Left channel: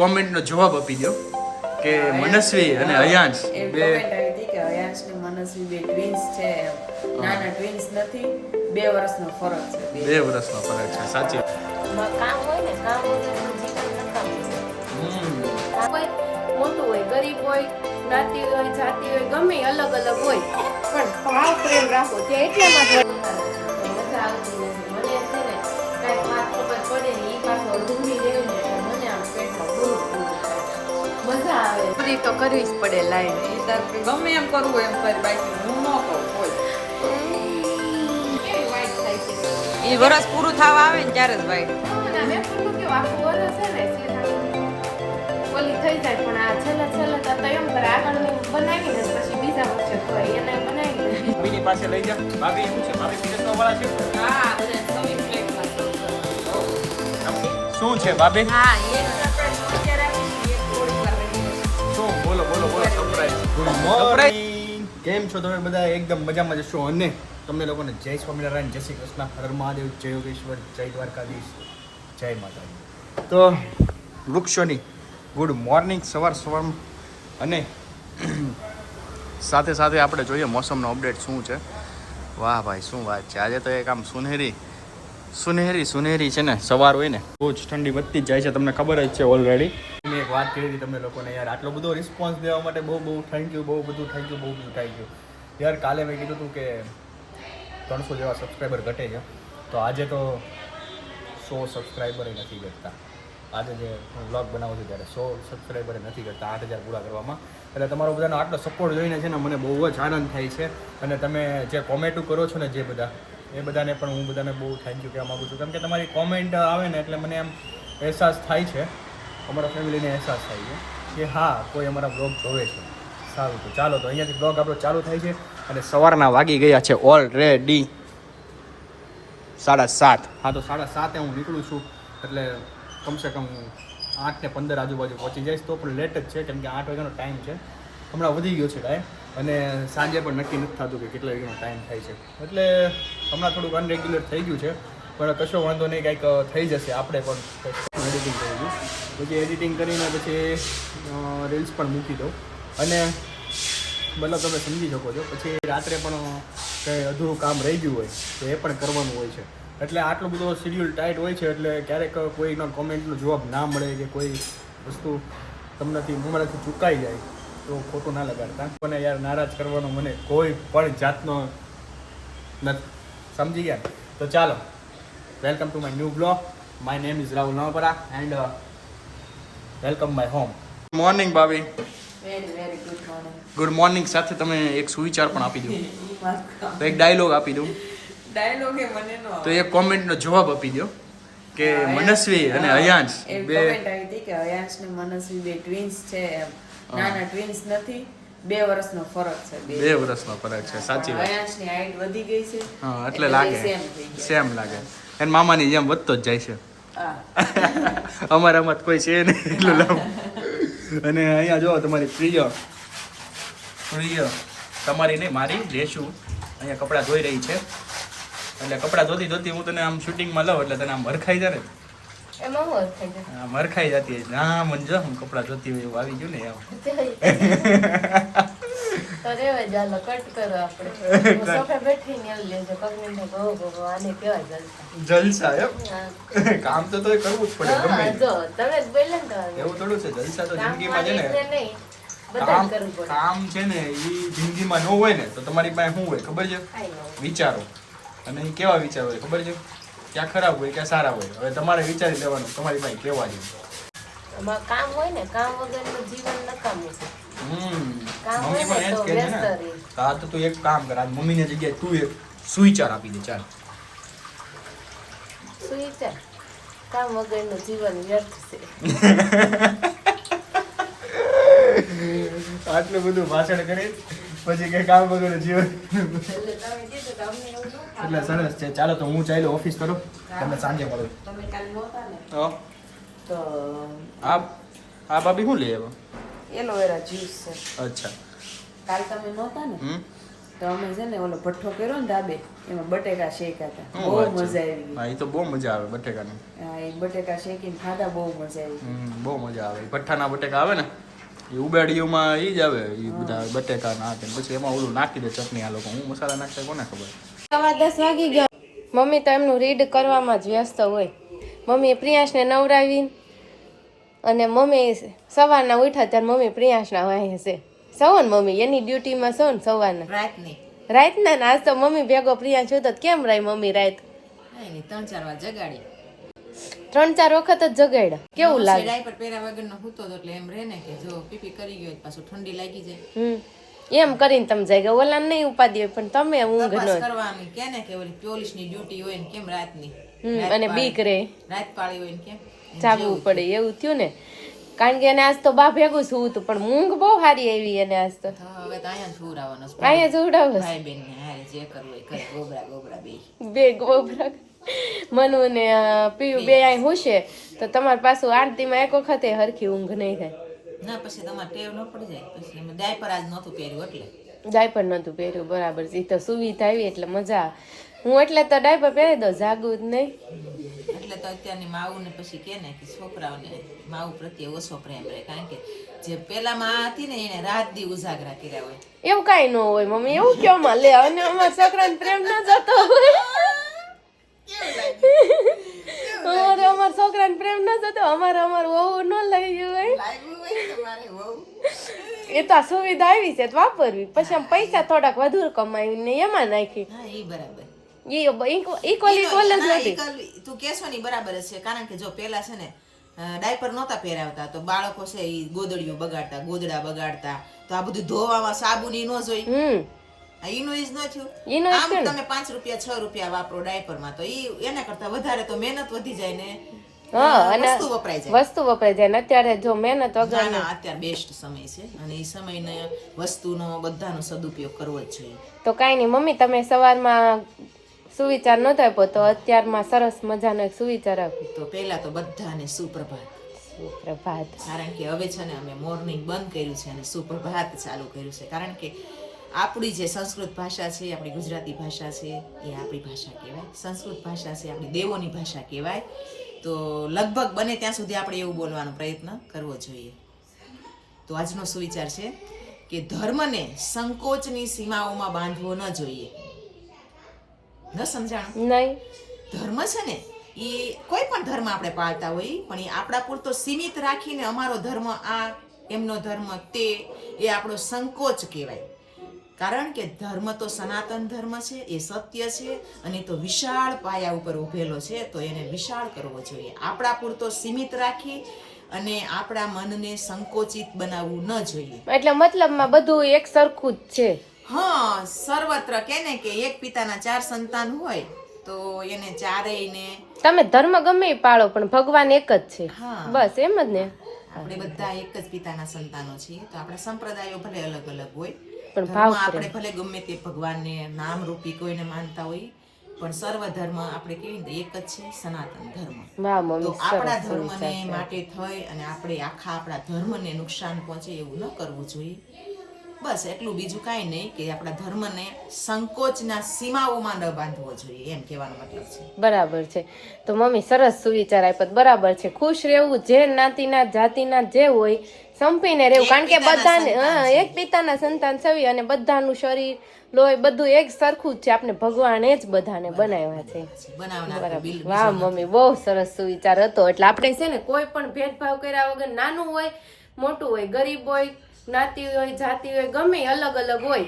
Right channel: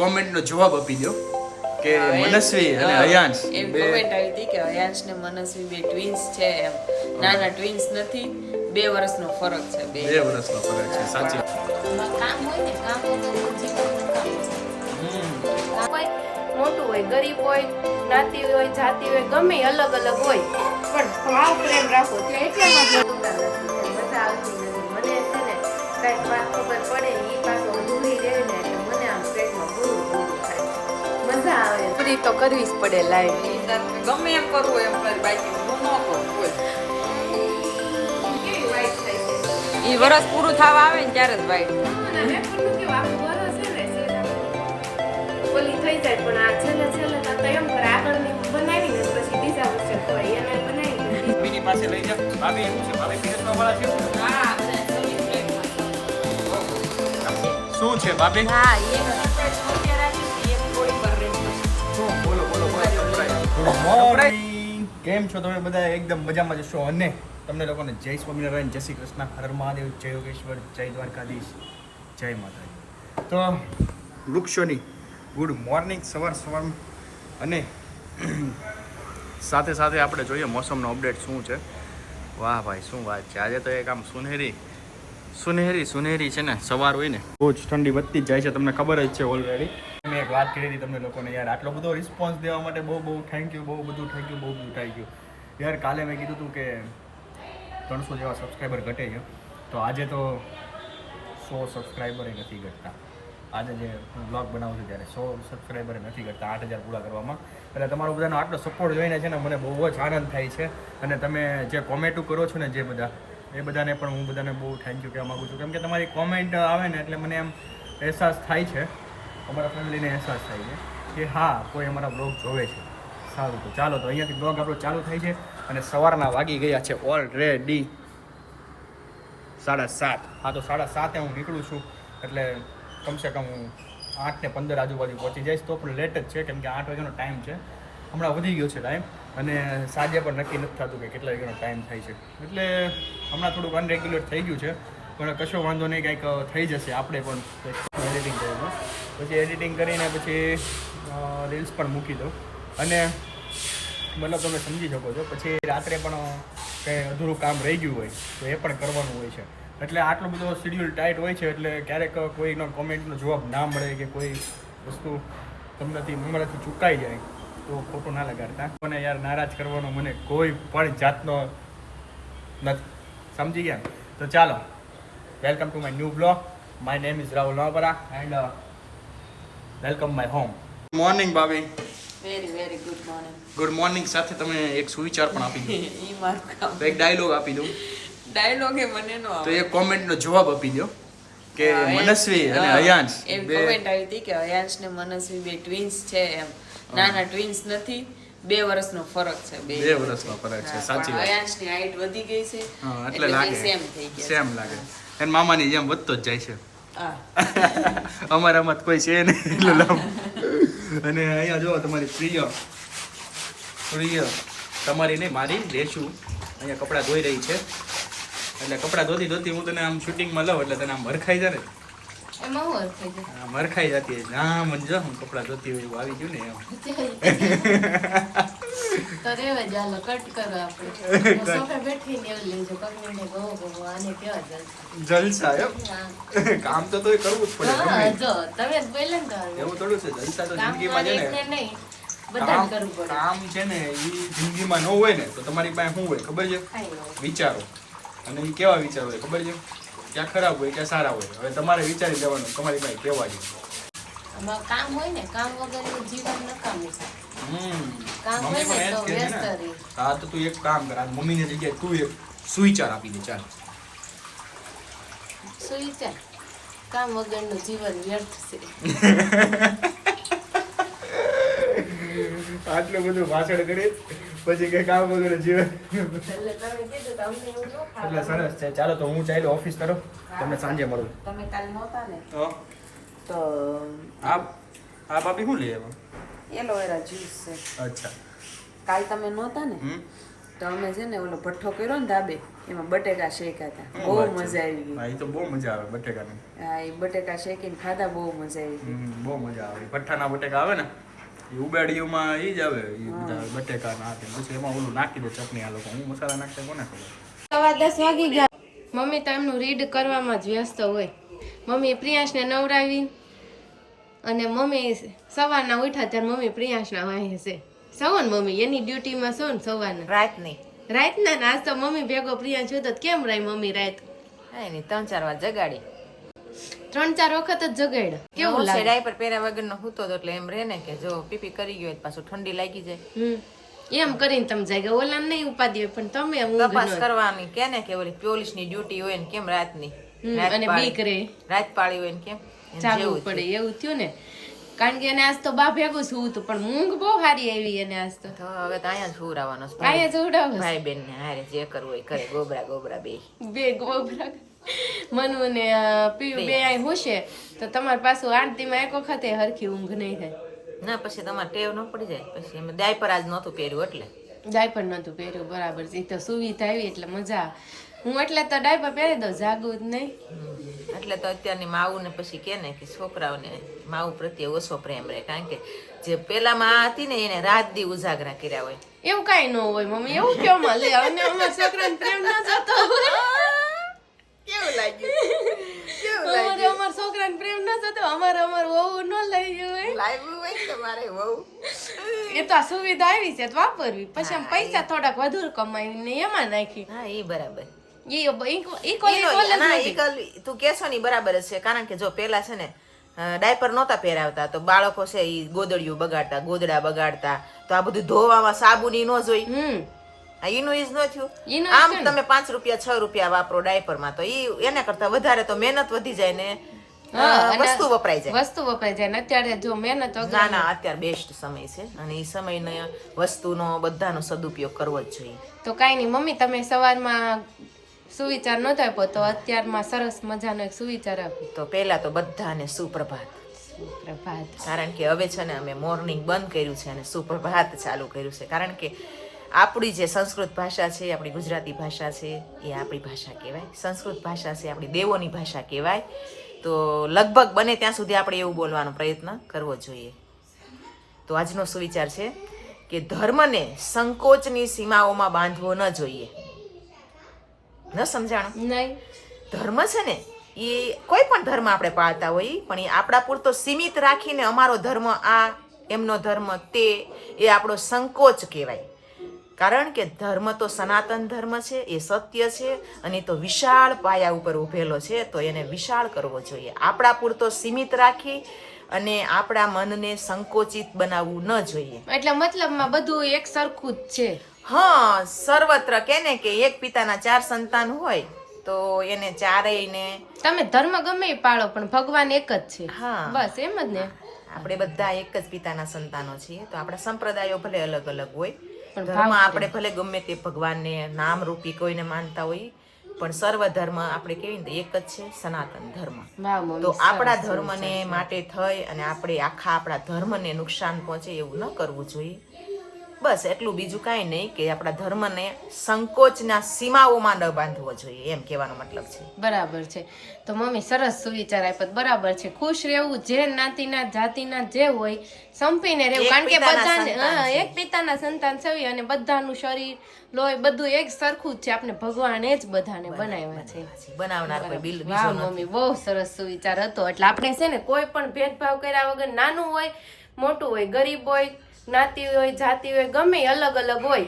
Comment નો જવાબ આપી દો કે મનસ્વી અને અયાંશ બે કમેન્ટ આવી હતી કે અયાંશ ને મનસ્વી બે ટ્વિન્સ છે એમ. નાના ટ્વિન્સ નથી, 2 વર્ષનો ફરક છે. 2 વર્ષનો ફરક છે. સાચી કામ હોય ને, કામ વગરનું જીવન નકામું છે. કામ હોય, મોટું હોય, ગરીબ હોય, જ્ઞાતિ હોય, જાતિ હોય, ગમે અલગ અલગ હોય, પણ ભાવ પ્રેમ રાખો તે એટલામાં જ મજા આવતી નથી. મને છે ને કંઈક વાત ખબર પડે ને એ પાછો અધૂરી રહે ને એટલે મને આમ પેટમાં પૂરું પૂરું થાય. મજા આવે, પૂરી તો કરવી જ પડે લાઈન. ગમે એમ કરવું એમ કરી, બાકી હું ન કરું કોઈ. એ વરસ પૂરું થવા આવે ને ત્યારે જ વાઈટ ઓલી થઈ જાય, પણ આ છેલ્લે છેલ્લે તો એમ કરે આગળ બનાવીને પછી બીજા વર્ષે ખવાય એને બનાવી ભાભીની પાસે લઈ જા. ભાભી એવું છે, ભાભી પીરસવા વાળા છે. શું છે ભાભી? હા એને રાખી એક થોડી પર રહી. શું બોલો બોલો બોલો. Good morning. કેમ છો તમે બધા? એકદમ મજામાં જશો. અને તમને લોકોને જય સ્વામિનારાયણ, જય શ્રી કૃષ્ણ, હર મહાદેવ, જય યોગેશ્વર, જય દ્વારકાધીશ, જય માતાજી. તો વૃક્ષોની ગુડ મોર્નિંગ સવારમાં. અને સાથે સાથે આપણે જોઈએ મોસમનો અપડેટ શું છે. વાહ ભાઈ શું વાત છે. આજે તો એક આમ સુનેરી છે ને સવાર હોય ને બહુ જ ઠંડી વધતી જ જાય છે. તમને ખબર જ છે ઓલરેડી. મેં એક વાત કરી હતી તમને લોકોને, યાર આટલો બધો રિસ્પોન્સ દેવા માટે બહુ થેન્ક યુ. બહુ બધું થેન્ક યુ યાર. કાલે મેં કીધું હતું કે 300 જેવા સબસ્ક્રાઈબર ઘટે છે, તો આજે તો 100 સબસ્ક્રાઈબરે નથી ઘટતા. આજે જે હું વ્લોગ બનાવું છું ત્યારે 100 સબસ્ક્રાઈબરે નથી ઘટતા 8000 પૂરા કરવામાં. એટલે તમારો બધાનો આટલો સપોર્ટ જોઈને છે ને મને બહુ જ આનંદ થાય છે. અને તમે જે કોમેન્ટો કરો છો ને, જે બધા એ બધાને પણ હું બધાને બહુ થેન્ક યુ કહેવા માગું છું. કેમ કે તમારી કોમેન્ટ આવે ને એટલે મને એમ અહેસાસ થાય છે, અમારા ફેમિલીને અહેસાસ થાય છે કે હા કોઈ અમારા બ્લોગ જોવે છે. સારું, તો ચાલો તો અહીંયાથી બ્લોગ આપણો ચાલુ થાય છે. અને સવારના વાગી ગયા છે ઓલરેડી 7:30. હા, તો 7:30 હું નીકળું છું એટલે કમસે કમ હું 8:15 આજુબાજુ પહોંચી જઈશ. તો પણ લેટ જ છે કેમ કે 8 વાગ્યાનો ટાઈમ છે. હમણાં વધી ગયો છે ટાઈમ, અને સાંજે પણ નક્કી નથી થતું કે કેટલા વાગ્યાનો ટાઈમ થાય છે. એટલે હમણાં થોડુંક અનરેગ્યુલર થઈ ગયું છે, પણ કશો વાંધો નહીં, કંઈક થઈ જશે. આપણે પણ એડિટિંગ કરીશું, પછી એડિટિંગ કરીને પછી રીલ્સ પણ મૂકી દઉં. અને મતલબ તમે સમજી શકો છો, પછી રાત્રે પણ કંઈ અધૂરું કામ રહી ગયું હોય તો એ પણ કરવાનું હોય છે. એટલે આટલો બધો શેડ્યુલ ટાઈટ હોય છે. એટલે ક્યારેક કોઈનો કોમેન્ટનો જવાબ ના મળે કે કોઈ વસ્તુ તમારાથી ચૂકાઈ જાય તો ખોટું ના લગાડતા. મને યાર નારાજ કરવાનો મને કોઈ પણ જાતનો નથી, સમજી ગયા? તો ચાલો, welcome to my new blog. My name is Rahul Navapara and welcome my home. Morning ભાભી. Very good morning. Good morning સાથે તમે એક સુવિચાર પણ આપી દો. તો એક ડાયલોગ આપી દઉં. ડાયલોગ એ મને નો તો એક કોમેન્ટનો જવાબ આપી દો કે મનસ્વી અને અયાંશ બે કમેન્ટ આવી હતી કે અયાંશ ને મનસ્વી બે ટ્વિન્સ છે એમ. નાના ટ્વિન્સ નથી, 2 વર્ષનો ફરક છે. 2 વર્ષનો ફરક છે. સાચી વાત. અયાંશ ની હાઈટ વધી ગઈ છે, હા, એટલે લાગે સેમ થઈ ગયા. સેમ લાગે. એને મામાની જેમ વધતો જ જાય છે. હા. અમારામાં કોઈ છે નહીં એટલું લાંબુ. અને અહીંયા જો તમારી પ્રિય તમારી નહીં મારી રેશુ અહીંયા કપડાં ધોઈ રહી છે. એટલે કપડાં ધોતી હું તને આમ શૂટિંગમાં લઉં એટલે તને આમ મરખાઈ જાય ને. એમાં હું થઈ જાય. હા, મરખાઈ જતી હોય. હા, મને જો હું કપડાં ધોતી હોય એવું આવી ગયું ને એમ. તો રેવે ચાલો કટ કરો આપણે. સોફા બેઠીને એવું લેજો કમેન્ટ કહો આને કેવા જલસા એમ. કામ તો તોય કરવું જ પડે. હા, જો તમે જ બોલે ને એવું થોડું છે. જલસા તો જિંદગીમાં છે ને, નહીં બધાને કરવું પડે. કામ છે ને એ જિંદગીમાં ન હોય ને તો તમારી પાસે શું હોય ખબર છે? વિચારો. અને એ કેવા વિચારો હોય ખબર છે? ક્યાં ખરાબ હોય ક્યાં સારા હોય. હવે તમારે વિચારી લેવાનું તમારી પાસે કેવા છે. કામ હોય ને, કામ વગરનું જીવન નકામું છે. કામ મમ્મી હોય પણ ને તો એ જ કહે છે વ્યસ્ત ને. રહી. હા, તો તું એક કામ કર, આજ મમ્મીની જગ્યાએ તું એક સુવિચાર આપી દે. ચાલ. શું વિચાર? કામ વગરનું જીવન વ્યર્થ છે. આટલું બધું ભાષણ કરી પછી કઈ કામ વગરનું જીવન. એટલે સરસ છે. ચાલો તો હું ચાલ્યો ઓફિસ તરફ. તમને સાંજે મળું. તમે કાલ નહોતા ને તો આ ભાભી શું લઈ આવ્યા? એલોવેરા જ્યુસ છે. અચ્છા. કાલ તમે નહોતા ને તો અમે છે ને ઓલો ભઠ્ઠો કર્યો ને ધાબે એમાં બટેકા શેકાતા શું બહુ વાત છે? મજા આવી ગઈ હા એ તો બહુ મજા આવે બટેકાની. હા એ બટેકા શેકીને ખાધા બહુ મજા આવી ગઈ બહુ મજા આવે. ભઠ્ઠાના બટેકા આવે ને એ ઉબાડીઓમાં એ જ આવે એ બધા બટેકા નાખે પછી એમાં ઓલું નાખી દે ચટણી. આ લોકો હું મસાલા નાખતા કોને ખબર. 10:15 વાગી ગયા. મમ્મી તો એમનું રીડ કરવામાં જ વ્યસ્ત હોય. મમ્મીએ પ્રિયાંશને નવરાવી અને મમ્મી સવારના ઉઠ્યા ત્યારે મમ્મી પ્રિયાંશના વાહે છે. સૌ ને મમ્મી એની ડ્યુટીમાં સૌ ને સવારના રાતના ને આજ તો મમ્મી ભેગો પ્રિયાંશ હતો તો કેમ રહી મમ્મી રાત? 3-4 વાર જગાડી 3-4 વખત જ જગાડ્યા. કેવું લાગે? ડાયપર પહેર્યા વગરનો સૂતો હતો એટલે એમ રહે ને કે જો પીપી કરી ગયો પાછું ઠંડી લાગી જાય. એમ કરીને તમે જાય ઓલા નહીં ઉપાધિ હોય પણ તમે ઊંઘ ન કરવાની કે ને કે ઓલી પોલીસની ડ્યુટી હોય ને કેમ રાતની અને બીક રે રાત પાળી હોય ને કેમ જાગવું પડે એવું થયું ને. કારણ કે એને આજ તો બા ભેગું સુવું હતું પણ ઊંઘ બહુ સારી આવી એને આજ તો. હવે તો અહીંયા જ સુવડાવવાનો અહીંયા જ ઉડાવો ભાઈ બેન ને હારે જે કરવું હોય કરે ગોબરા બે ગોબરા મનુ ને પીયું બે અહીં હોશે તો તમારે પાછું આરતીમાં એક વખતે હરખી ઊંઘ નહીં થાય. ના પછી તમારે ટેવ ન પડી જાય. પછી એમ ડાયપર આજ નહોતું પહેર્યું એટલે ડાયપર નતું પહેર્યું બરાબર છે. તો સુવિધા આવી એટલે મજા આવે. હું એટલે તો ડાયપર પહેરી દઉં જાગું જ નહીં. એટલે તો અત્યારની માવું ને પછી કે ને કે છોકરાઓને માવું પ્રત્યે ઓછો પ્રેમ રહે. કારણ કે જે પેલામાં હતી ને એને રાત દી ઉજાગરા કર્યા હોય. એવું કઈ ન હોય મમ્મી એવું કેમ લે અને અમારા છોકરાને પ્રેમ ના જતો કેવું લાગ્યું અમારા છોકરાને પ્રેમ ના જતો અમાર વહુ ન લઈ હોય લાગ્યું હોય તમારે બહુ એ તો આ સુવિધા આવી છે તો વાપરવી. પછી આમ પૈસા થોડાક વધુ કમાવીને એમાં નાખી. હા એ બરાબર તું કેશો ની બરાબર જ છે. કારણ કે જો પેલા છે ને ડાયપર નહોતા પહેરાવતા તો બાળકો છે એ ગોદડીઓ બગાડતા ગોદડા બગાડતા તો આ બધું ધોવામાં સાબુની ન જોઈ એનું ઈજ ન થયું. આમ તમે 5 રૂપિયા 6 રૂપિયા વાપરો ડાયપર માં તો એના કરતા વધારે તો મહેનત વધી જાય ને વસ્તુ વપરાય જાય ને અત્યારે જો મહેનત વગર ના અત્યારે બેસ્ટ સમય છે અને એ સમયનો વસ્તુનો બધાનો સદુપયોગ કરવો જ જોઈએ. તો કઈ નહીં મમ્મી તમે સવારમાં સુવિચાર નતો આપ્યો તો અત્યારમાં સરસ મજાનો એક સુવિચાર આપ્યો. તો પહેલા તો બધાને સુપ્રભાત. કારણ કે હવે છે ને અમે મોર્નિંગ બંધ કર્યું છે અને સુપ્રભાત ચાલુ કર્યું છે. કારણ કે આપણી જે સંસ્કૃત ભાષા છે આપણી ગુજરાતી ભાષા છે એ આપણી ભાષા કહેવાય. સંસ્કૃત ભાષા છે આપણી દેવોની ભાષા કહેવાય. તો લગભગ બને ત્યાં સુધી આપણે એવું બોલવાનો પ્રયત્ન કરવો જોઈએ. તો આજનો સુવિચાર છે કે ધર્મને સંકોચની સીમાઓમાં બાંધવો ન જોઈએ. ન સમજાણું? નહીં. ધર્મ છે ને એ કોઈ પણ ધર્મ આપણે પાળતા હોય પણ એ આપણા પૂરતો સીમિત રાખીને અમારો ધર્મ આ એમનો ધર્મ તે એ આપણો સંકોચ કહેવાય. કારણ કે ધર્મ તો સનાતન ધર્મ છે એ સત્ય છે અને તો વિશાળ પાયા ઉપર ઉભેલો છે તો એને વિશાળ કરવો જોઈએ. આપણા પૂરતો સીમિત રાખી અને આપણા મનને સંકોચિત બનાવવું ન જોઈએ. એટલે મતલબમાં બધું એક સરખું જ છે. હા સર્વત્ર કે ને કે એક પિતાના 4 સંતાન હોય તો એને ચારેયને તમે ધર્મ ગમે પાળો પણ ભગવાન એક જ છે. હા બસ એમ જ ને. આપણે બધા એક જ પિતાના સંતાનો છીએ. તો આપણા સંપ્રદાયો ભલે અલગ અલગ હોય ધર્મ આપણે ભલે ગમે તે ભગવાનને નામ રૂપી કોઈને માનતા હોય પણ સર્વ ધર્મ આપણે કેવી ને એક જ છે સનાતન ધર્મ. તો આપણા ધર્મને માટે થઈ અને આપણે આખા આપણા ધર્મને નુકસાન પહોંચે એવું ન કરવું જોઈએ. બસ એટલું, બીજું કાંઈ નહીં કે આપણા ધર્મને સંકોચના સીમાઓમાં ન બાંધવો જોઈએ એમ કહેવાનો મતલબ છે. બરાબર છે. તો મમ્મી સરસ સુવિચાર આપ્યો. બરાબર છે. ખુશ રહેવું જે નાતીના જાતિના જે હોય સંપીને રહેવું. કારણ કે બધાને એક પિતાના સંતાન છવી અને બધાનું શરીર લોહી બધું એક સરખું જ છે. આપણે ભગવાને જ બધાને બનાવ્યા છે. વાહ મમ્મી બહુ સરસ સુવિચાર હતો. એટલે આપણે છે ને કોઈ પણ ભેદભાવ કર્યા વગર નાનું હોય મોટું હોય ગરીબ હોય જ્ઞાતિ હોય જાતિ હોય ગમે અલગ અલગ હોય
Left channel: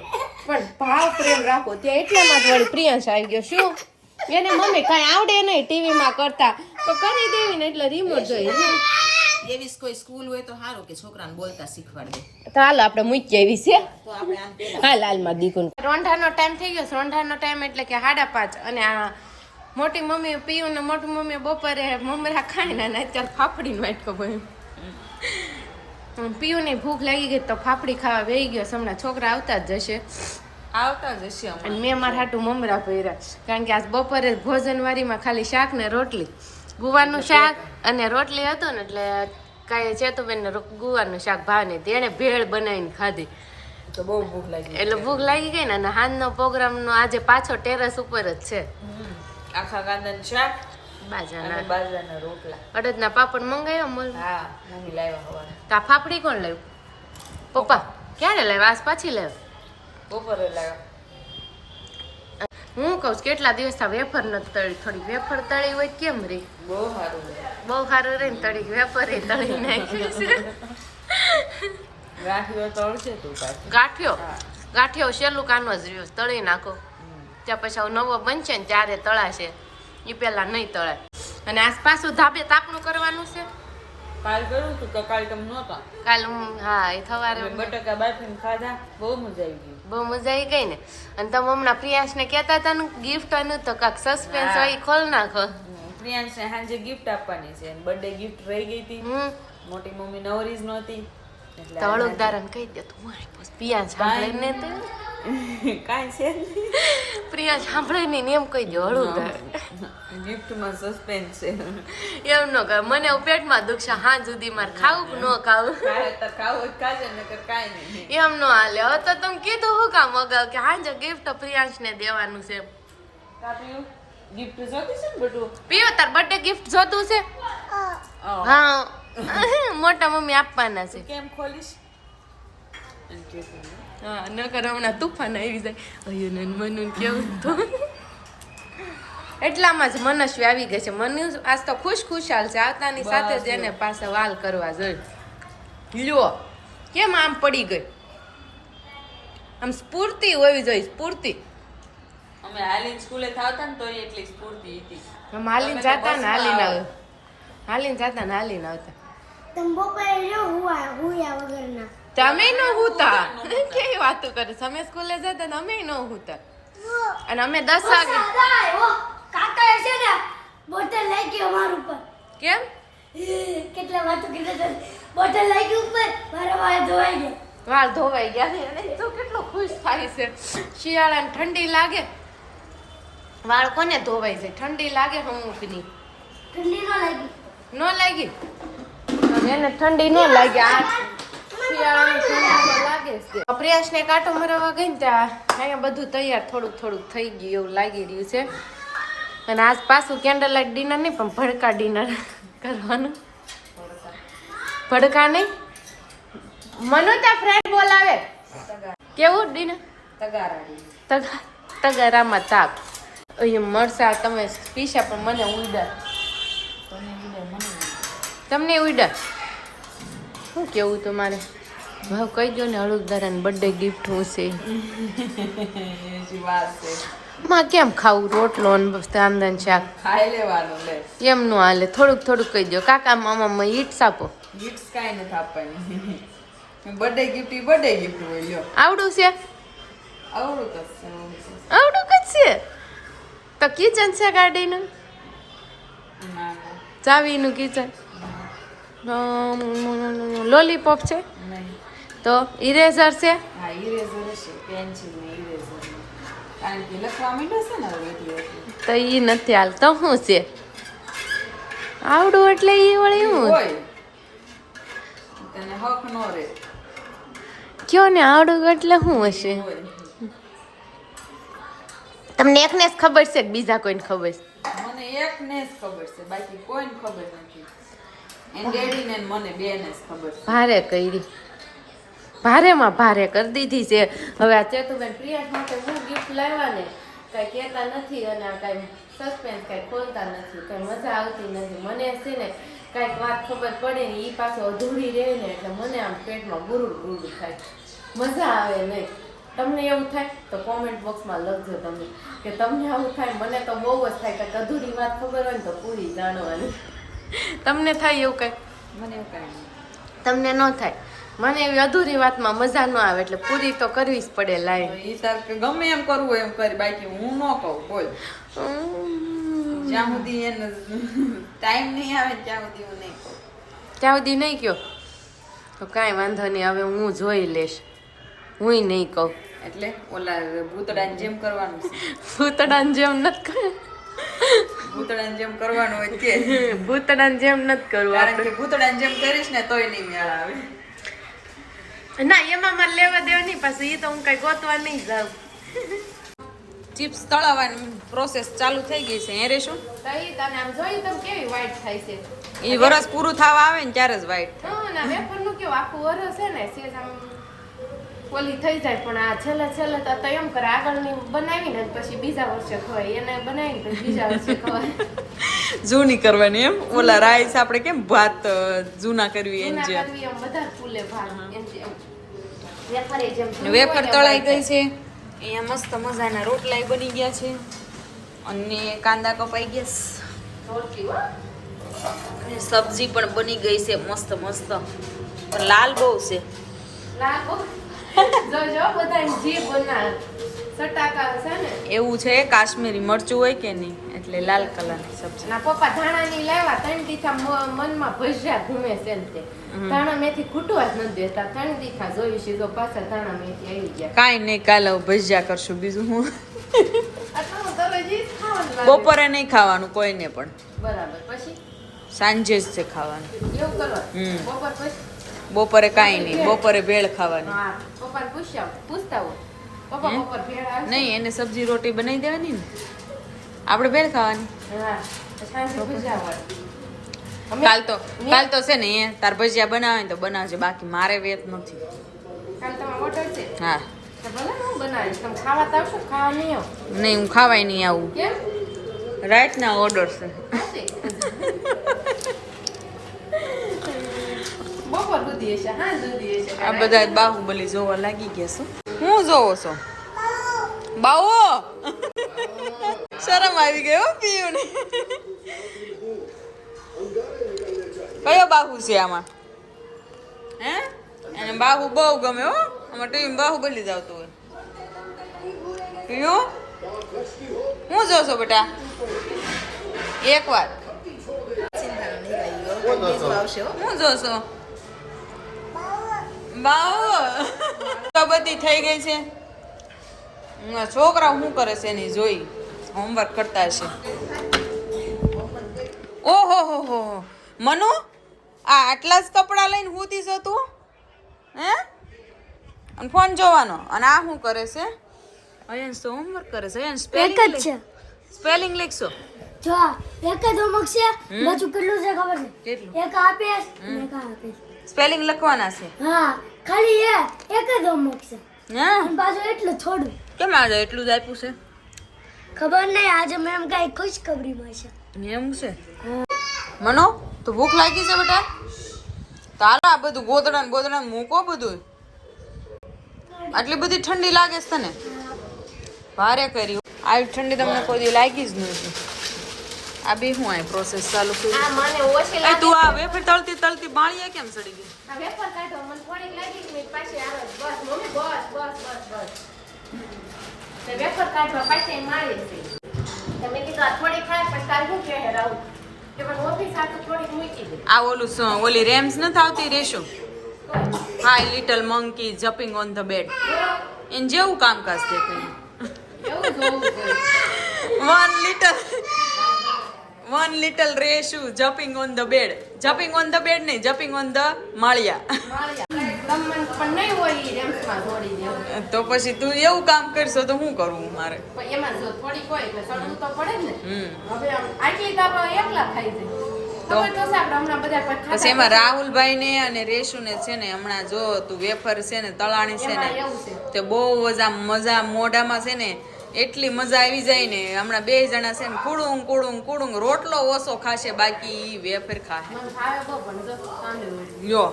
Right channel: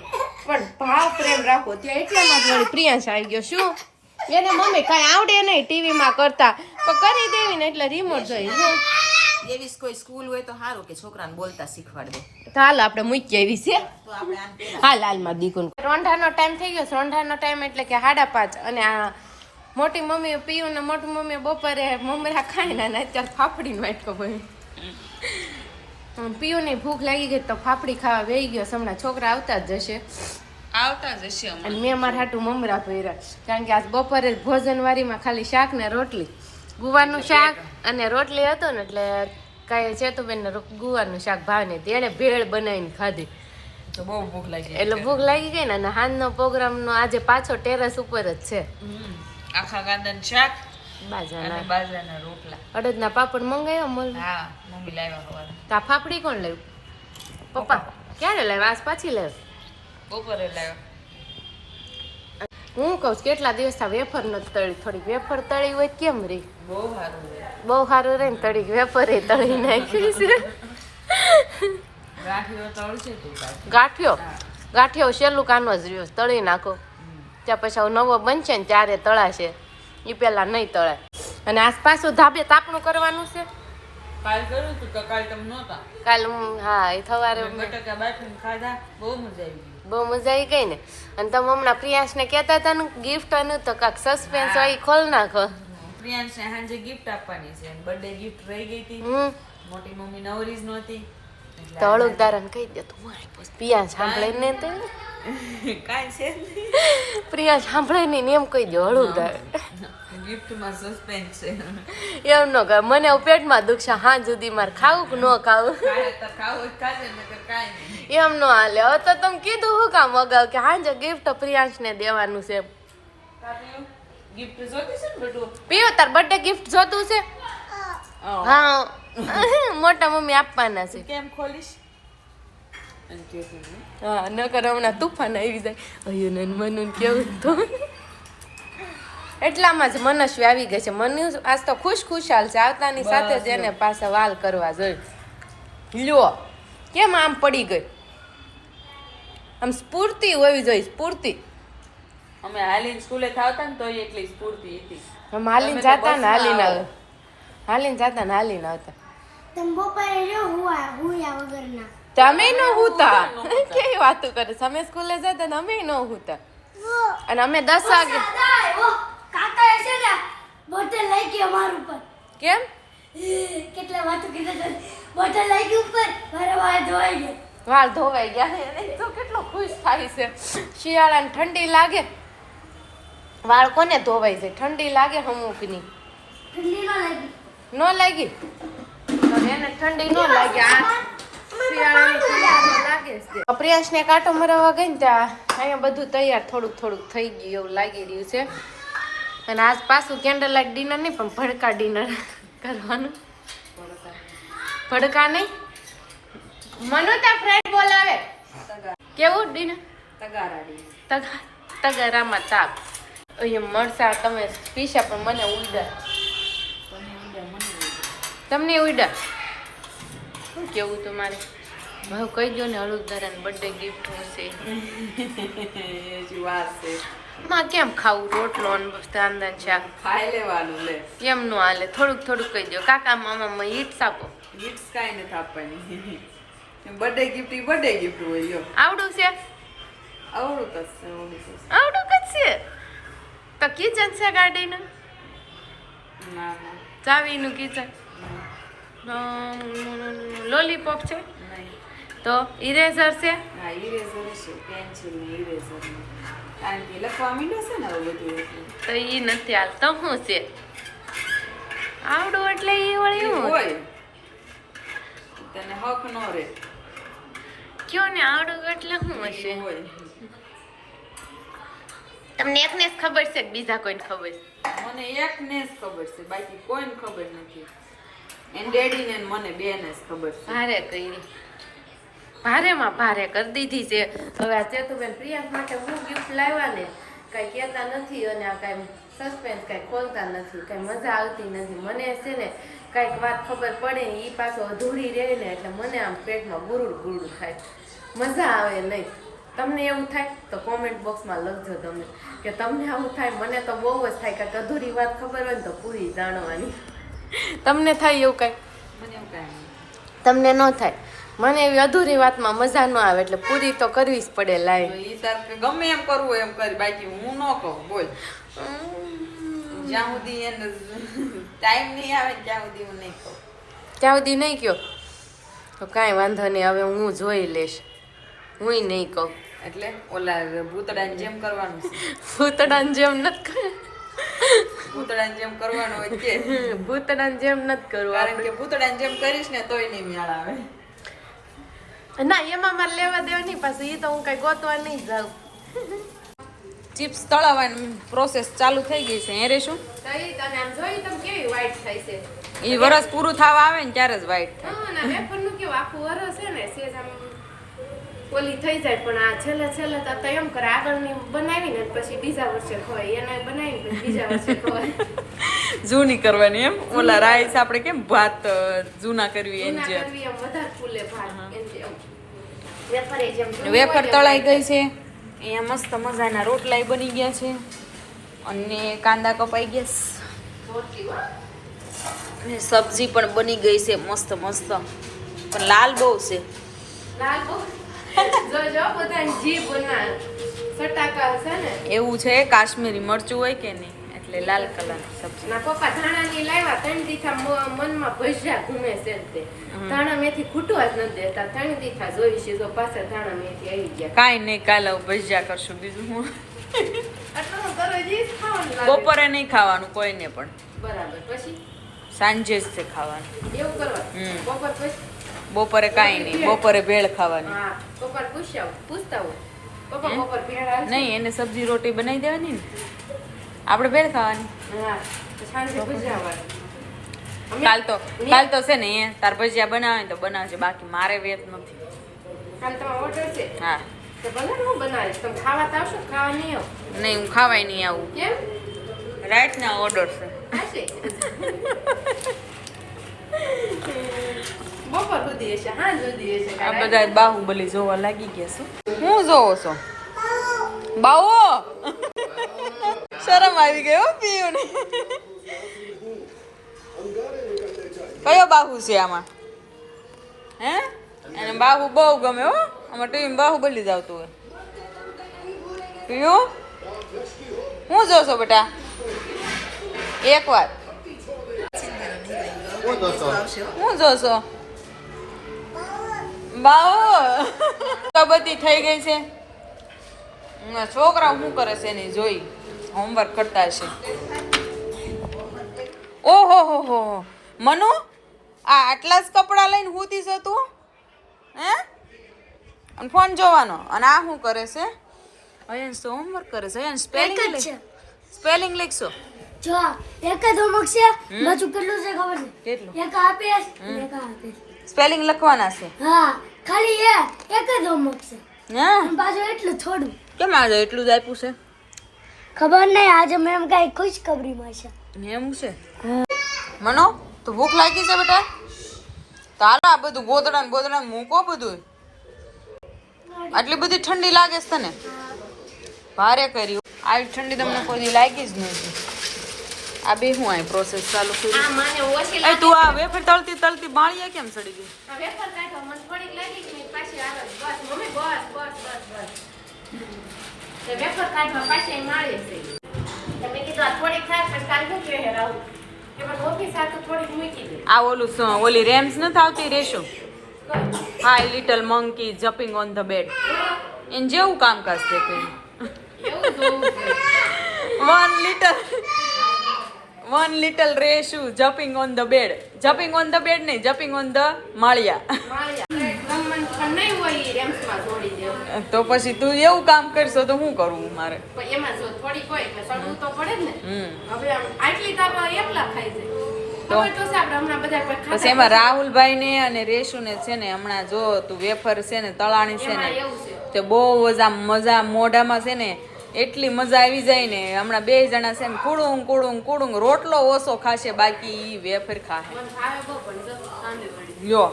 પણ ભાવ પ્રેમ રાખો. ત્યાં એટલામાં જ વળી પ્રિયાંશ આવી ગયો. શું એને મમ્મી કઈ આવડે નહીં ટીવીમાં કરતા પણ કરી દેવી ને એટલે રિમોટ જોઈ. એવી કોઈ સ્કૂલ હોય તો સારું કે છોકરાને બોલતા શીખવાડ દે. તો હાલ આપણે મૂકી આવી છે. હાલ હાલમાં દીકુન રોંઢાનો ટાઈમ થઈ ગયો. રોંઢાનો ટાઈમ એટલે કે 5:30 અને આ મોટી મમ્મી પીયું ને મોટી મમ્મી બપોરે મમરા ખાઈને ને અત્યારે ફાફડીનો વાટકો ભર્યો. પીયુની ભૂખ લાગી ગઈ તો ફાફડી ખાવા બેહી ગયો. હમણાં છોકરા આવતા જ જશે. અને મેં મારા હાટું મમરા ભર્યા કારણ કે આજ બપોરે ભોજનવારીમાં ખાલી શાક ને રોટલી ગુવારનું શાક અને રોટલી હતું ને એટલે કાંઈ ચેતુબેનને ગુવારનું શાક ભાવ નહીં. તેણે ભેળ બનાવીને ખાધી તો બહુ ભૂખ લાગી એટલે ભૂખ લાગી ગઈ ને અને હાંજનો પ્રોગ્રામનો આજે પાછો ટેરેસ ઉપર જ છે. આખા કાંદાનું શાક બાજરાના અને બાજરાના રોટલા. અડદના પાપડ મંગાવ્યા મોલ. હા નમી લાવ્યા હવારે. તા ફાફડી કોણ લાવ્યું? પપ્પા. ક્યારે લાવ્યા? આજ પાછી લાવ્યા? બપોરે લાવ્યા. હું કહું છું કેટલા દિવસ આ વેફર નથી તળી. થોડીક વેફર તળી હોય કેમ રે? બહુ સારું છે. બહુ સારું રહે ને તળી વેફર તળી નાખી છે. ગાંઠિયો તળશે તું પાછું. ગાંઠિયો છેલ્લું કાનો જ રહ્યો તળી નાખો ત્યાં પછી હવે નવો બનશે ને ત્યારે તળાશે. એ પેલા નહીં તળાય. અને આસપાસ ધાબે તાપણું કરવાનું છે. કાલ કર્યું તું તો કાલ તમે નહોતા. કાલ હું હા એ સવારે બટાકા બાફીને ખાધા બહુ મજા આવી ગઈ. બહુ મજા આવી ગઈ ને. અને તમે હમણાં પ્રિયાંશને કહેતા હતા ને ગિફ્ટ આનું તો કાંક સસ્પેન્સ હોય ઈ ખોલ નાખો. પ્રિયાંશને સાંજે ગિફ્ટ આપવાની છે બર્થડે ગિફ્ટ રહી ગઈ હતી. મોટી મમ્મી નવરી જ નહોતી. તો હળુકદારાને કહી દે તું પ્રિયાંશ સાંભળે ને તે કાંઈ છે પ્રિયાંશ સાંભળે નહીં ને એમ કહી દો હળુકદાર. ગિફ્ટમાં સસ્પેન્સ છે. એમ ન કહે મને એવું પેટમાં દુખશે હાં સુધી મારે ખાવું કે ન ખાવું. ખાવું ખાજે નકર કાંઈ નહીં. એમ ન હાલે. હવે તો તમે કીધું હું કામ અગાઉ કે હાંજે ગિફ્ટ પ્રિયાંશને દેવાનું છે. ગિફ્ટ જોતી છે ને બેટું? પીઓ તાર બર્થડે ગિફ્ટ જોતું છે? હા મોટા મમ્મી આપવાના છે. કેમ ખોલીશ? હા નકર હમણાં તુફાન આવી જાય. અયું ને મનુ કેવું તો એટલામાં જ મનસ્વી આવી ગઈ છે. મનુ આજ તો ખુશાલ છે. આવતાની સાથે જ એને પાછા વાલ કરવા જોઈએ. લ્યો કેમ આમ પડી ગઈ? આમ સ્ફૂર્તિ હોવી જોઈએ. સ્ફૂર્તિ. અમે હાલીન સ્કૂલે થાવતા ને તોય એટલી સ્ફૂર્તિ હતી. આમ હાલીને જાતા ને હાલીને આવે. હાલીને જાતા ને હાલીને આવતા. તમે બપોરે જો હુયા વગરના. તમે ન હુતા. કેવી વાતો કરે? અમે સ્કૂલે જતા ને અમે ન હુતા. અને અમે 10 વાગે કાકા છે ને બોટલ લઈ ગયો મારું ઉપર. કેમ? કેટલા વાતો કીધા બોટલ લઈ ગઈ ઉપર મારા વાળ ધોવાઈ ગયા. વાળ ધોવાઈ ગયા. અને તો કેટલો ખુશ થાય છે. શિયાળાને ઠંડી લાગે વાળ કોને ધોવાઈ જાય? ઠંડી લાગે અમુકની. ઠંડી ન લાગી. ન લાગી તો એને ઠંડી ન લાગી. આ શિયાળાની ઠંડી તો લાગે જ. પ્રિયાંશને કાંટો મરાવવા ગઈ ને ત્યાં અહીંયા બધું તૈયાર થોડુંક થઈ ગયું એવું લાગી રહ્યું છે. અને આજ પાછું કેન્ડલ લાઇટ ડિનર નહીં પણ ભડકા ડિનર કરવાનું. ભડકા નહીં મનોતા ફ્રેન્ડ બોલાવે. કેવું ડિનર? તગારામાં તાપ. અહીંયા મરસા તમે પીસા પણ મને ઉડા. તમને ઉડા શું કેવું તમારે? ભાવ કહી દો ને હળુકદારાને બર્થડે ગિફ્ટ શું છે? માં કેમ ખાવું? રોટલો તાંદન શાક ખાઈ લેવાનું લે. એમ નું હાલે. થોડુંક કહી દો. કાકા મામા ઈટ્સ આપો. ગિફ્ટ કાંઈ નથી આપવાની. બર્થડે ગિફ્ટ હોય લ્યો. આવડું છે? આવડું કશે. આવડું જ છે તો કિચન છે ગાડીનું? ના ચાવીનું કિચન. લોલીપોપ છે નહીં. તો ઇરેઝર છે? હા ઇરેઝર છે. પેન્સિલ ને ઇરેઝર ને. કારણ કે લખવા માંડ્યો છે ને હવે એટલું. તો ઈ નથી હાલ તો શું છે? આવડું એટલે ઈ વળી શું હોય તને હક નો રે. કયો ને આવડું એટલે શું હશે? હોય તમને એકને જ ખબર છે કે બીજા કોઈને ખબર છે? મને એકને જ ખબર છે બાકી કોઈને ખબર નથી. એન ડેડી ને મને બેને જ ખબર છે. ભારે કરી ભારેમાં ભારે કરી દીધી છે. હવે આ ચેતુબેન પ્રિયાંશ માટે હું ગિફ્ટ લાવ્યા ને કાંઈ કહેતા નથી અને આ કાંઈ સસ્પેન્સ કાંઈ ખોલતા નથી. કાંઈ મજા આવતી નથી. મને છે ને કાંઈક વાત ખબર પડે ને એ પાછો અધૂરી રહે ને એટલે મને આમ પેટમાં ગુરુડ થાય. મજા આવે નહીં. તમને એવું થાય તો કોમેન્ટ બોક્સમાં લખજો તમે કે તમને આવું થાય. મને તો બહુ જ થાય કાંઈક અધૂરી વાત ખબર હોય ને તો પૂરી જાણવાની. તમને થાય એવું કાંઈ? મને એવું કાંઈ નહીં. તમને ન થાય? મને એવી અધૂરી વાતમાં મજા ન આવે એટલે પૂરી તો કરવી જ પડે. લાઈવ ઈ તાર કે ગમે એમ કરવું એમ કરી બાકી હું ન કહું બોલ. જ્યાં સુધી એને ટાઈમ નહીં આવે ત્યાં સુધી હું નહીં કહું. ત્યાં સુધી નહીં કહો તો કાંઈ વાંધો નહીં. હવે હું જોઈ લઈશ. હુંય નહીં કહું. એટલે ઓલા ભૂતડાની જેમ કરવાનું છે. ભૂતડાની જેમ નથી કરવું. ભૂતડાની જેમ કરવાનું હોય કે ભૂતડાની જેમ નથી કરવું કારણ આપણે. કે ભૂતડાની જેમ કરીશ ને તોય નહીં મેળ આવે. ના એમાં મારે લેવા દેવા નહીં, પાછું એ તો હું કઈ ગોતવા નહીં જાઉં. ચિપ્સ તળાવવાની પ્રોસેસ ચાલુ થઈ ગઈ છે. હે રેશું તો ઈ તમે આમ જોઈ તમે કેવી white થાય છે. એ વરસ પૂરું થવા આવે ને ત્યારે જ વ્હાઈટ થાય. હા, ના વેફરનું કેવું આખું વરસ છે ને સેજ આમ ઓલી થઈ જાય, પણ આ છેલ્લે તો એમ કરે આગળની બનાવીને પછી બીજા વર્ષે ખવાય, એને બનાવીને પછી બીજા વર્ષે ખવાય. જૂની કરવાની એમ ઓલા રાઈસ આપણે કેમ ભાત જૂના કરવી એમ જૂના જેમ. કરવી એમ વધારે ફૂલે ભાત એમ જેમ. વેફર એ જેમ જૂની વેફર હોય તળાઈ એમ. ગઈ છે. અહીંયા મસ્ત મજાના રોટલાય બની ગયા છે અને કાંદા કપાઈ ગયા છે રોટલી હો. અને સબ્જી પણ બની ગઈ છે મસ્ત મસ્ત, પણ લાલ બહુ છે. લાલ બહુ. જોજો બધાને જીભ બના સટાકા છે ને. એવું છે કાશ્મીરી મરચું હોય કે નહીં એટલે લાલ કલરની સબ્જી. ના પપ્પા ધાણાની લાવ્યા, ત્રણ દીખા મનમાં ભજ્યા ઘૂમે છે ને તે ધાણા મેથી ખૂટવા જ નથી દેતા. ત્રણ દીખા જોઈ છે તો પાછા ધાણા મેથી આવી ગયા. કાંઈ નહીં, કાલે ભજીયા કરશું. બીજું હું આટલું દરરોજ ઈ જ ખાવાનું લાગે. બપોરે નહીં ખાવાનું કોઈને પણ, બરાબર. પછી સાંજે જ છે ખાવાનું. એવું કરવા બપોર પછી. બપોરે કાંઈ નહીં, બપોરે ભેળ ખાવાની. હા, પપ્પાને પૂછતા હો પપ્પા બપોર ભેળ આવશે? નહીં, એને સબ્જી રોટી બનાવી દેવાની ને, આપણે ભેળ ખાવાની. હા, પછી સાંજે ભજીયાવાળા. કાલ તો છે ને તાર ભજીયા બનાવે તો બનાવજે, બાકી મારે વેત નથી. કાલે તમારો ઓર્ડર છે? હા, તો ભલે ને હું બનાવીશ. તમે ખાવા તો આવશો? ખાવા નહીં આવો? નહીં હું ખાવાય નહીં આવું. કેમ? રાઈટના ઓર્ડર છે. હશે. બપોર સુધી હશે, હાંજ સુધી હશે. આ બધા બાહુબલી જોવા લાગી ગયા છો. હું જોવો છો બાવો? શરમ આવી ગઈ હો પીયુને. કયો બાહુ છે આમાં? હે એને બાહુ બહુ ગમે હો. આમાં ટીવી બાહુબલી જ આવતું હોય. પીયુ હું જોશો બેટા? એક વાર હું જોશો? બાવો બધી થઈ ગઈ છે. છોકરા શું કરે છે એની જોઈ હોમવર્ક કરતા છે. ઓહો હો હો મનુ, આ આટલા જ કપડાં લઈને હુતી છો તું? હે અને ફોન જોવાનો, અને આ શું કરે છે? અયન તો હોમવર્ક કરે છે. અયન સ્પેલિંગ લીખશો? જો એક જ હોમવર્ક છે, બાજુ કેટલું છે ખબર છે? કેટલું? એક આપેશ અને એક આપેશ. સ્પેલિંગ લખવાના છે? હા, ખાલી એક જ હોમવર્ક છે. હા, અને પાછું એટલું થોડું. કેમ આજે એટલું જ આપ્યું છે? ખબર નહીં, આજે મેમ કઈ ખુશખબરીમાં છે. એમ છે. મનો તો ભૂખ લાગી છે બેટા? તો હાલો આ બધું ગોદડા ને બોદડા મૂકો બધું. આટલી બધી ઠંડી લાગે છે તને? ભારે કર્યું. આવી ઠંડી તમને કોઈ દી લાગી જ નહીં. આ બે હું આ પ્રોસેસ ચાલુ કરી. આ મને ઓછી એ તું આ વેફર તળતી તળતી બાળીએ કેમ સડી ગઈ? આ વેફર કાઢો, મને થોડીક લાગી કે નહીં, પાછી આવે. બસ મમ્મી, બસ. તો વેફર કાઢવા પાછી મારે છે. તમે કીધું આ થોડીક ખાય પછી કાલ શું કહે રાવ કે પણ ઓફિસ આટલું થોડીક મૂકી દે. આ ઓલી રેમ્સ નથી આવતી રેશું? Hi little monkey jumping on the bed. એને જેવું કામકાજ દેખાય. એવું જોવું જોઈએ. One little Reshu jumping on the bed. Jumping on the bed નહીં, જમ્પિંગ ઓન ધ માળિયા. રમવાનું પણ નહીં હોય ઈ રેમ્સમાં જોડી દે. તો પછી તું એવું કામ કરશો તો શું કરવું મારે? પણ એમાં જો થોડીક હોય એટલે સડવું તો પડે જ ને. હમ હવે આમ આટલી તો આપણે એકલા ખાઈ જાય. તો? ખબર તો છે આપણે હમણાં બધા કોઈ ખાતા પછી એમાં રાહુલભાઈ ને અને રેશુ ને છે ને હમણાં જો તું વેફર છે ને તળાણી છે એમાં ને એવું છે. તે બહુ જ આમ મજા મોઢામાં છે ને એટલી મજા આવી જાય ને. હમણાં બે જણા છે ને કુડુંગ રોટલો ઓછો ખાશે, બાકી ઈ વેફર ખાશે. મને ભાવે બહુ પણ જો સાંભળી વળી. યો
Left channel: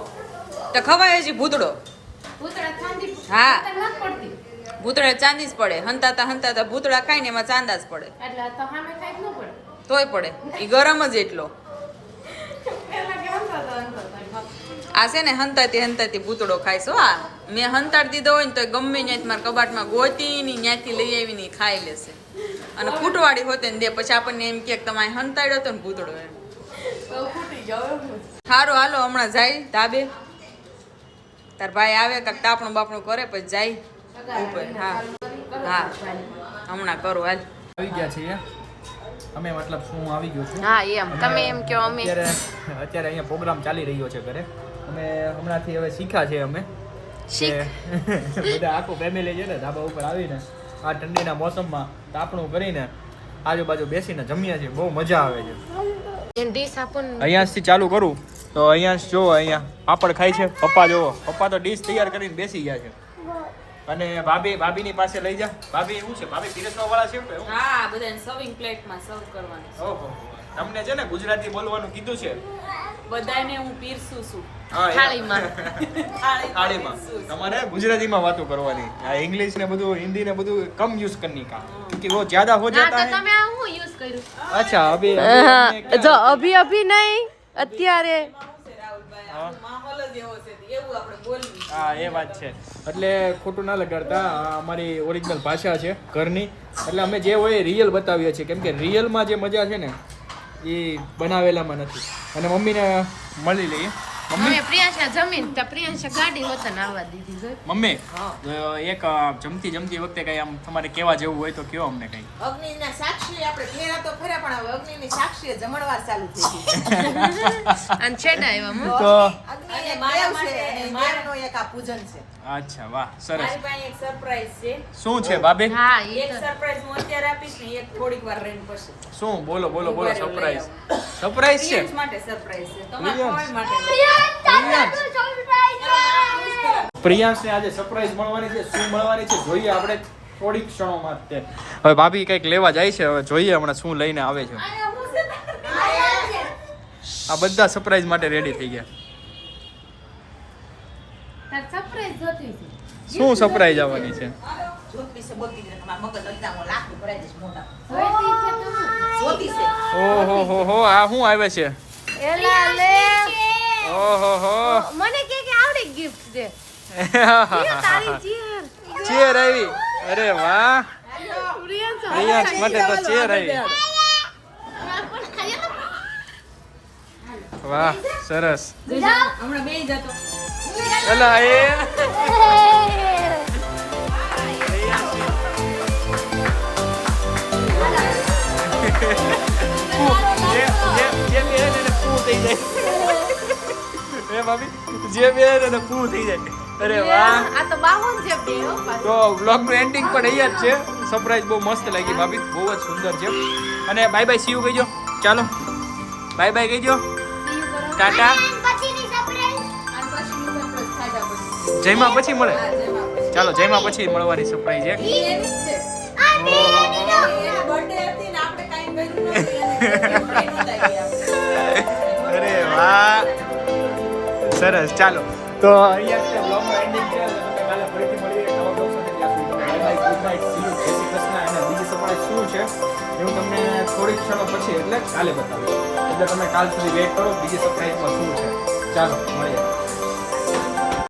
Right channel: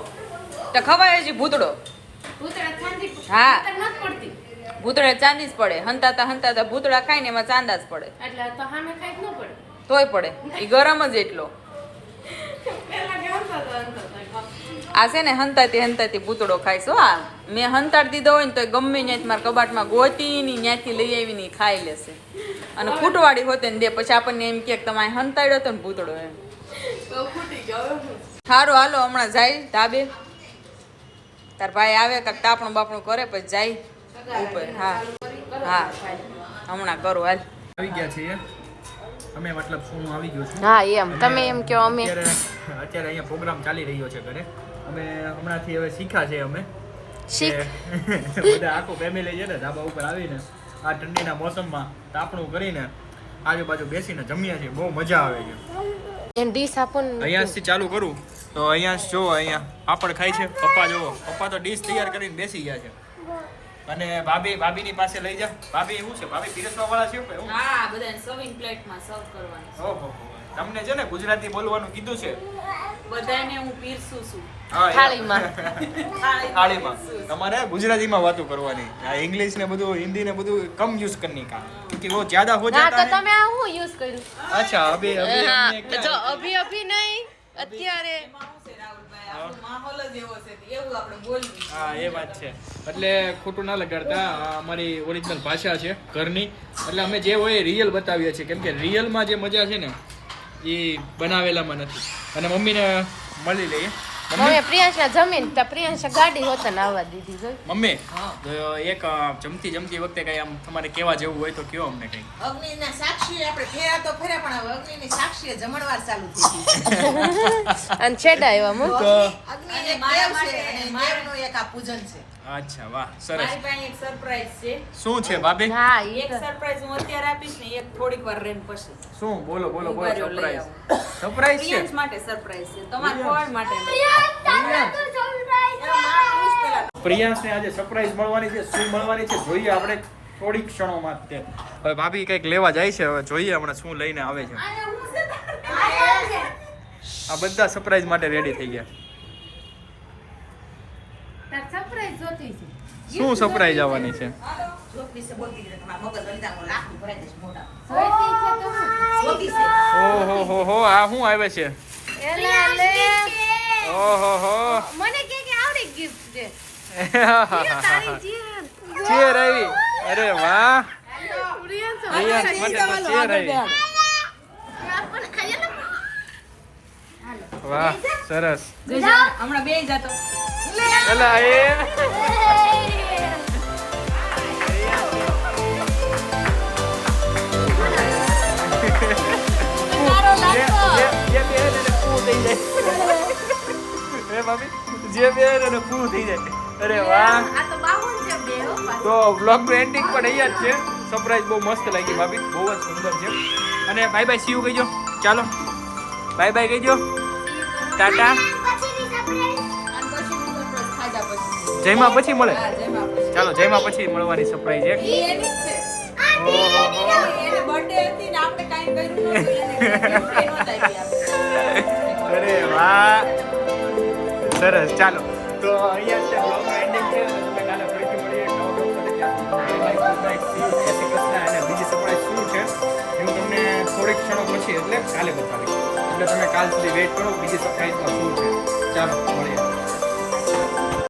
તો ખવાય હજી ભૂતડો. ભૂતળા ચાંદી હા. ભૂતળ નથી પડતી. ભૂતળે ચાંદી જ પડે. હંતાતા ભૂતળા ખાય ને એમાં ચાંદા જ પડે. એટલે તો સામે ખાઈ જ ન પડે. તોય પડે. એ ગરમ જ એટલો. પેલા કેમ થતો. આ છે ને હંતાતી ભૂતળો ખાઈશ હો. આ મેં હંતાડી દીધો હોય ને તો ગમે ત્યાંથી મારા કબાટમાં ગોતી ની ત્યાંથી લઈ આવીને ઈ ખાઈ લેશે. અને ફૂટવાડી હોતે ને દે પછી આપણને એમ કે તમે હંતાડ્યો તો ને ભૂતળો એમ. તો ફૂટી ગયો. સારું હાલો હમણાં જાય ધાબે. તાર ભાઈ આવે કાંક તાપણું બાપણું કરે પછી જાય ઉપર. હા હમણાં કરો હાલ. આવી ગયા છીએ અમે, મતલબ શું આવી ગયો છું. હા એમ તમે એમ કહો. અમે અત્યારે અહીંયા પ્રોગ્રામ ચાલી રહ્યો છે ઘરે. અમે હમણાંથી હવે શીખ્યા છે અમે બધા આખું ફેમિલી છે ને ધાબા ઉપર આવીને આ ઠંડીના મોસમમાં તાપણું કરીને આજુબાજુ બેસીને જમીએ છીએ, બહુ મજા આવે છે. ડીશ આપો ને. અહીંયાથી ચાલુ કરું તો અહીંયા જો અહીંયા પાપડ ખાય છે પપ્પા. જોવો પપ્પા તો ડીશ તૈયાર કરીને બેસી ગયા છે. અને ભાભીની પાસે લઈ જા. ભાભી એવું છે, ભાભી પીરસવા વાળા છે કે હું? હા, બધાને સર્વિંગ પ્લેટમાં સર્વ કરવાનું. ઓહો, તમને છે ને ગુજરાતી બોલવાનું કીધું છે. બધાને હું પીરસું છું. હા, થાળીમાં. થાળીમાં તમારે ગુજરાતીમાં વાતો કરવાની. આ ઇંગ્લિશ ને બધું, હિન્દી ને બધું કમ યુઝ કરની કા, ક્योंकि वो ज्यादा हो ના जाता તો है. તમે આ હું યુઝ કર્યું? अच्छा अभी જો અભી નહીં અત્યારે. માહોલ જ એવો છે, એવું આપણે બોલવું. હા એ વાત છે. એટલે ખોટું ના લગાડતા, આ અમારી ઓરિજિનલ ભાષા છે ઘરની. એટલે અમે જે હોય રિયલ બતાવીએ છીએ, કેમ કે રિયલમાં જે મજા છે ને એ બનાવેલામાં નથી. અને મમ્મીને મળી લઈએ. હવે પ્રિયાંશા જમીન તો પ્રિયાંશા ગાડી હોતા ને આવવા દીધી જોઈ. મમ્મી એક જમતી વખતે કઈ આમ તમારે કેવા જેવું હોય તો કયો અમને કઈ. અગ્નિના સાક્ષી આપણે ફેરા તો ખરા, પણ હવે અગ્નિની સાક્ષીએ જમણવાર ચાલુ થઈ ગઈ. અને છેડા આવ્યા મો. તો અગ્નિને મારા માટે અને દેવનું એક આ પૂજન છે. અચ્છા વાહ સરસ. મારી પાસે એક સરપ્રાઈઝ છે. શું છે ભાભી? હા એક સરપ્રાઈઝ હું અત્યારે આપીશ ને એક થોડીક વાર રહીને પછી. શું બોલો ઉભા રહ્યો, સરપ્રાઈઝ. લઈ સરપ્રાઈઝ છે. પ્રિયાંશ માટે સરપ્રાઈઝ છે, તમારા પ્રિયાંશ. કોઈ માટે નહીં. પ્રિયાંશને આજે સરપ્રાઈઝ મળવાની છે. શું મળવાની છે જોઈએ આપણે થોડીક ક્ષણોમાં જ. હવે ભાભી કંઈક લેવા જાય છે, હવે જોઈએ હમણાં શું લઈને આવે છે. આ બધા સરપ્રાઈઝ માટે રેડી થઈ ગયા. સરપ્રાઈઝ જોતી છે. શું સરપ્રાઈઝ આવવાની છે? જોત વિશે બોલતી નથી, તમારા મગજ અંદર હું લાખનું ભરાઈ દઈશ મોટા. જોઈતી છે તો હું. જોતી છે. ઓહો હો આ શું આવે છે? એલા લે. ઓહો હો મને કે આવડી ગિફ્ટ છે. ચેર આવી. અરે વાહ, પ્રિયાંશ પ્રિયાંશ માટે તો ચેર આવી. વાહ સરસ. હમણાં બે જાતો. એલા એ જે બે ને પૂ થઈ જાય. એ ભાભી જે બે ને પૂ થઈ જાય. અરે વાહ. આ તો બાહુન છે બે હો. તો વ્લોગનું એન્ડિંગ પણ અહીંયા જ છે. સરપ્રાઈઝ બહુ મસ્ત લાગી ભાભી, બહુ જ સુંદર છે. અને બાય બાય સીયુ કહીજો. ચાલો બાય બાય કહીજો. ટાટા. જયમાં પછી મળે. ચાલો જયમાં પછી મળવાની સરપ્રાઈઝ એક. અરે વાહ સરસ. ચાલો તો અહીંયા છે બ્લોગનું એન્ડિંગ છે. અને તમને કાલે ફરીથી મળીએ નવા બ્લોગ સાથે. ત્યાં સુધી bye bye, good night, C you, જય શ્રી કૃષ્ણ. અને બીજી સરપ્રાઈઝ શું છે એ હું તમને થોડીક ક્ષણો પછી એટલે કાલે બતાવીશ. એટલે તમે કાલ સુધી વેઇટ કરો બીજી સરપ્રાઈઝમાં શું છે. ચાલો મળીએ.